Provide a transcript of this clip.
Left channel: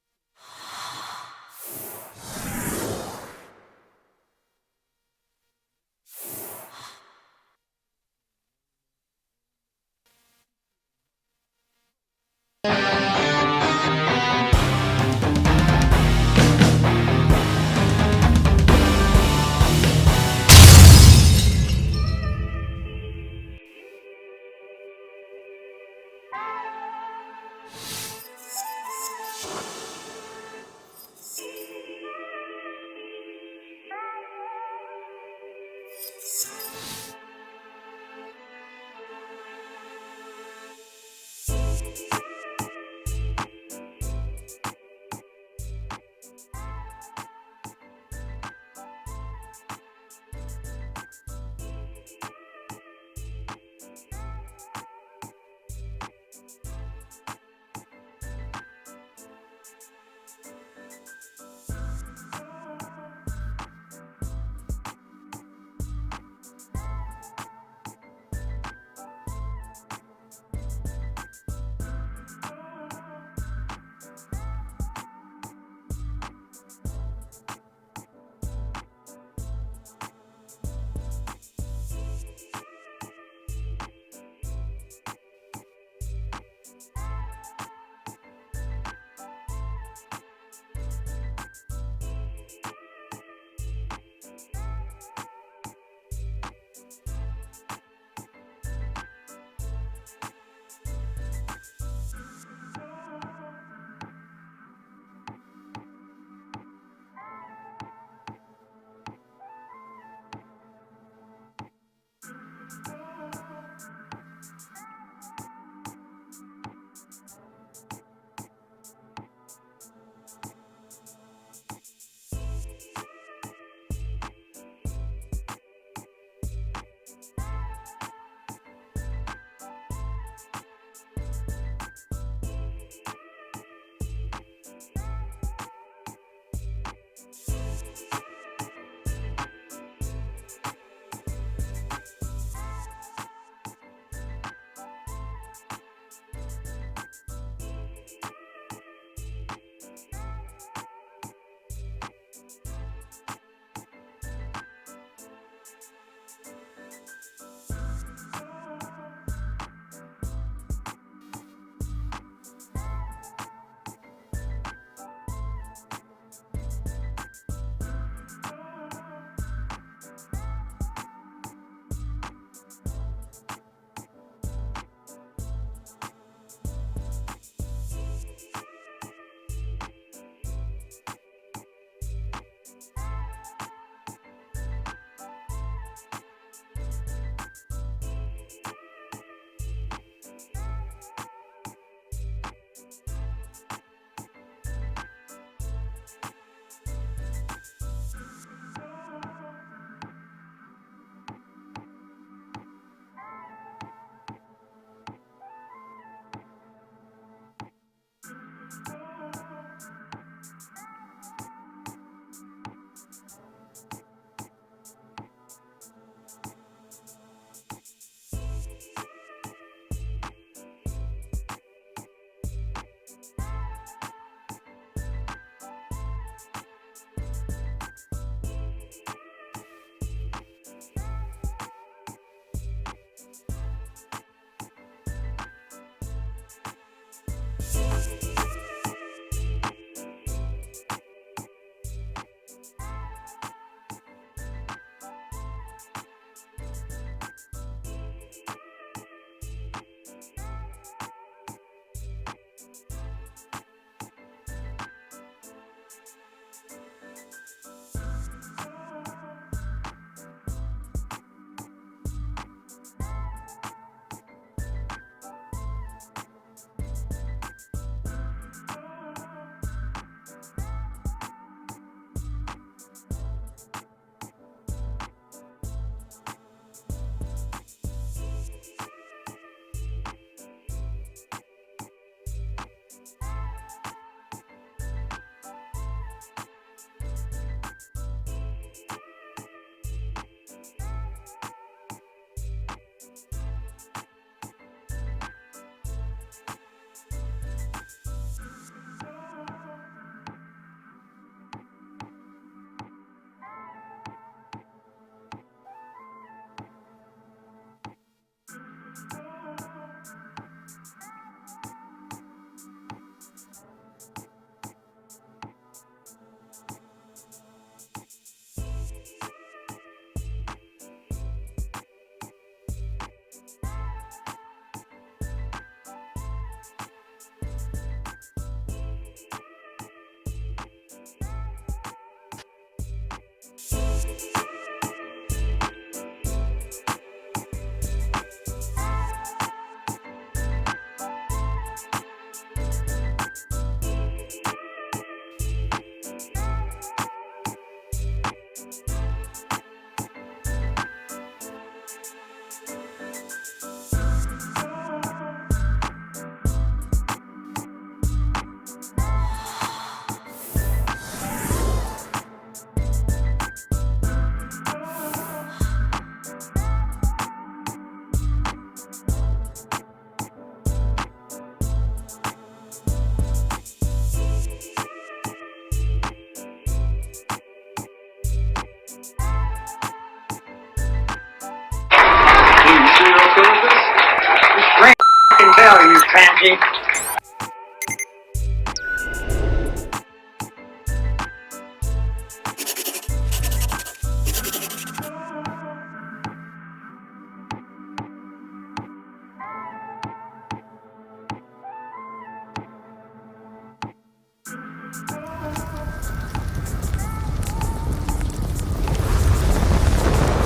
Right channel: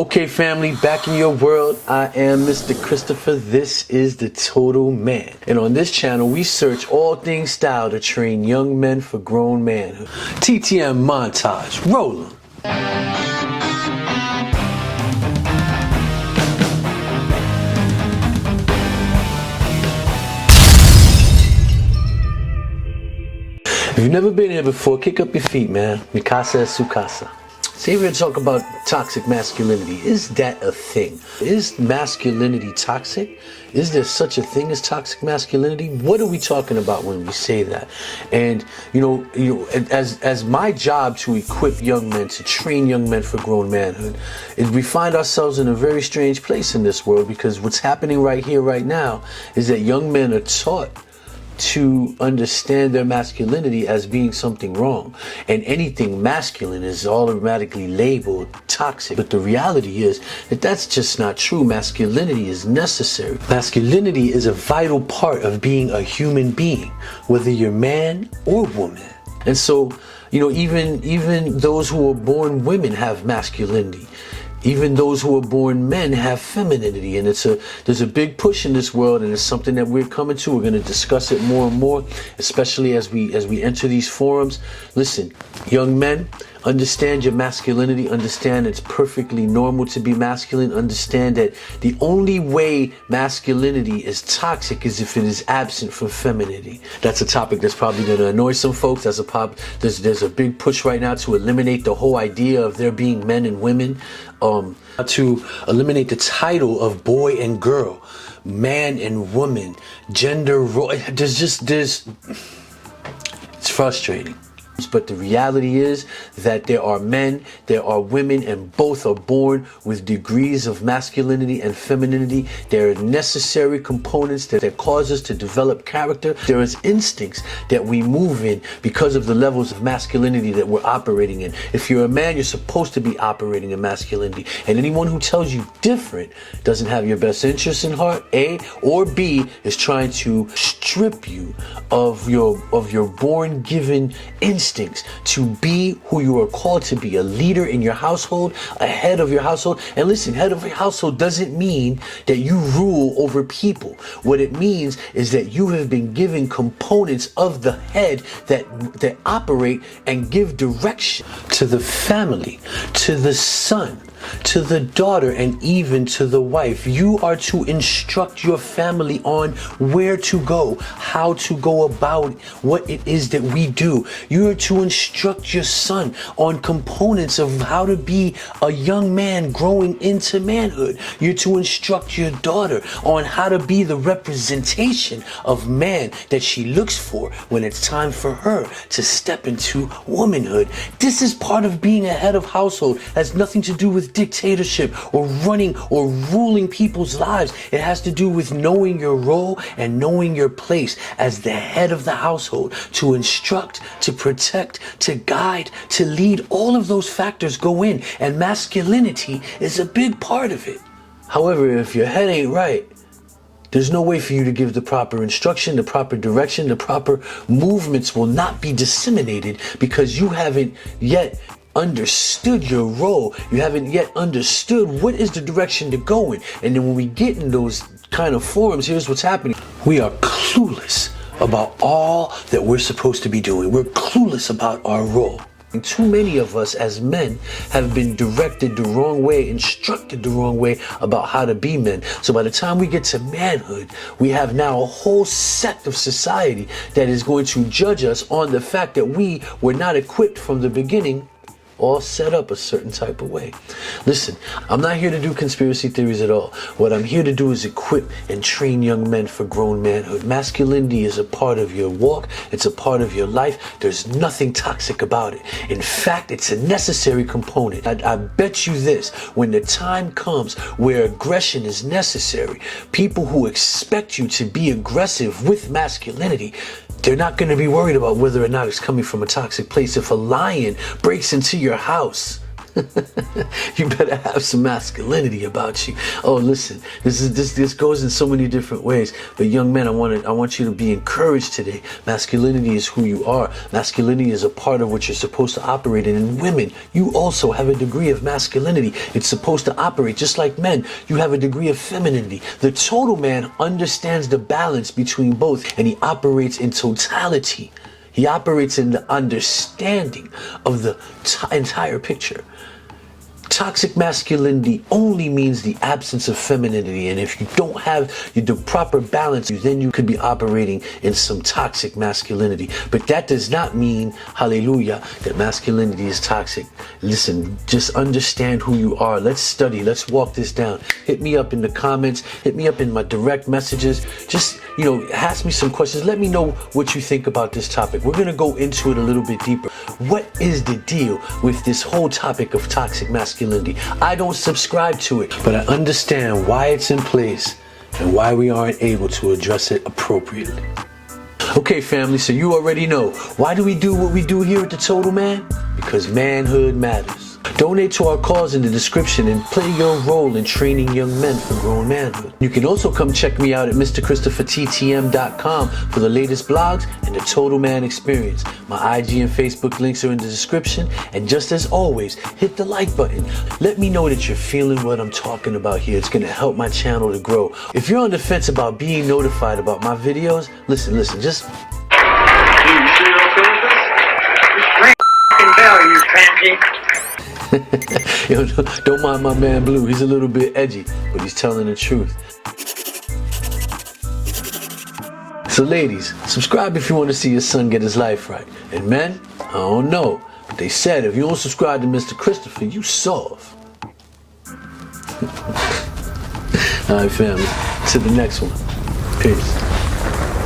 Okay, family, back in your world. I am Mr. Christopher. This is The Total Man. And on this channel, we search all things style to train young men for grown manhood. TTM montage. Roll 'em. If you've never been here before, kick up your feet, man. Mikasa es su casa. So we're going to talk about toxic masculinity. Is that a thing? Is masculinity toxic? Is there such a thing as toxic masculinity? What are we talking about when we say that? And as my job to equip young men, to train young men for grown manhood, is we find ourselves in a very strange place in this world, because what's happening right here, right now, is that young men are taught to understand their masculinity as being something wrong, and anything masculine is automatically labeled toxic. But the reality is that that's just not true. Masculinity is necessary. Masculinity is a vital part of being a human being, whether you're man or woman. And so, even those who are born women have masculinity. Even those who are born men have femininity, and there's a big push in this world, and it's something that we're coming to. We're going to discuss it more and more, especially as we enter these forums. Listen, young men, understand your masculinity. Understand it's perfectly normal to be masculine. Understand that the only way masculinity is toxic is if it is absent from femininity. That's a topic that's probably going to annoy some folks. There's a big push right now to eliminate the whole idea of there being men and women. To eliminate the title of boy and girl, man and woman, gender role. It's frustrating. But the reality is that there are men, there are women, and both are born with degrees of masculinity and femininity. There are necessary components that cause us to develop character. There is instincts that we move in because of the levels of masculinity that we're operating in. If you're a man, you're supposed to be operating in masculinity. And anyone who tells you different doesn't have your best interests in heart, A, or B, is trying to strip you of your born given instincts to be who you are called to be, a leader in your household, a head of your household. And listen, head of your household doesn't mean that you rule over people. What it means is that you have been given components of the head that operate and give direction to the family, to the son, to the daughter, and even to the wife. You are to instruct your family on where to go, how to go about it, what it is that we do. You are to instruct your son on components of how to be a young man growing into manhood. You're to instruct your daughter on how to be the representation of man that she looks for when it's time for her to step into womanhood. This is part of being a head of household. It has nothing to do with dictatorship or running or ruling people's lives. It has to do with knowing your role and knowing your place as the head of the household, to instruct, to protect, to guide, to lead. All of those factors go in, and masculinity is a big part of it. However, if your head ain't right, there's no way for you to give the proper instruction, the proper direction. The proper movements will not be disseminated because you haven't yet understood your role. You haven't yet understood what is the direction to go in. And then when we get in those kind of forums, here's what's happening. We are clueless about all that we're supposed to be doing. We're clueless about our role. And too many of us as men have been directed the wrong way, instructed the wrong way about how to be men. So by the time we get to manhood, we have now a whole sect of society that is going to judge us on the fact that we were not equipped from the beginning, all set up a certain type of way. Listen, I'm not here to do conspiracy theories at all. What I'm here to do is equip and train young men for grown manhood. Masculinity is a part of your walk. It's a part of your life. There's nothing toxic about it. In fact, it's a necessary component. I bet you this, when the time comes where aggression is necessary, people who expect you to be aggressive with masculinity, they're not going to be worried about whether or not it's coming from a toxic place. If a lion breaks into your house, You better have some masculinity about you. Oh, listen, this goes in so many different ways. But young men, I want you to be encouraged today. Masculinity is who you are. Masculinity is a part of what you're supposed to operate in. And women, you also have a degree of masculinity. It's supposed to operate just like men. You have a degree of femininity. The total man understands the balance between both, and he operates in totality. He operates in the understanding of the entire picture. Toxic masculinity only means the absence of femininity, and if you don't have the proper balance, then you could be operating in some toxic masculinity. But that does not mean, hallelujah, that masculinity is toxic. Listen, just understand who you are. Let's study. Let's walk this down. Hit me up in the comments. Hit me up in my direct messages. Just, ask me some questions. Let me know what you think about this topic. We're going to go into it a little bit deeper. What is the deal with this whole topic of toxic masculinity? I don't subscribe to it, but I understand why it's in place and why we aren't able to address it appropriately. Okay, family, so you already know. Why do we do what we do here at The Total Man? Because manhood matters. Donate to our cause in the description and play your role in training young men for grown manhood. You can also come check me out at MrChristopherTTM.com for the latest blogs and the Total Man experience. My IG and Facebook links are in the description. And just as always, hit the like button. Let me know that you're feeling what I'm talking about here. It's going to help my channel to grow. If you're on the fence about being notified about my videos, listen, just... You see those filters? This f***ing bell, you pansy. Yo, don't mind my man Blue. He's a little bit edgy, but he's telling the truth. So ladies, subscribe if you want to see your son get his life right. And men, I don't know, but they said if you don't subscribe to Mr. Christopher, you soft. Alright family, to the next one. Peace.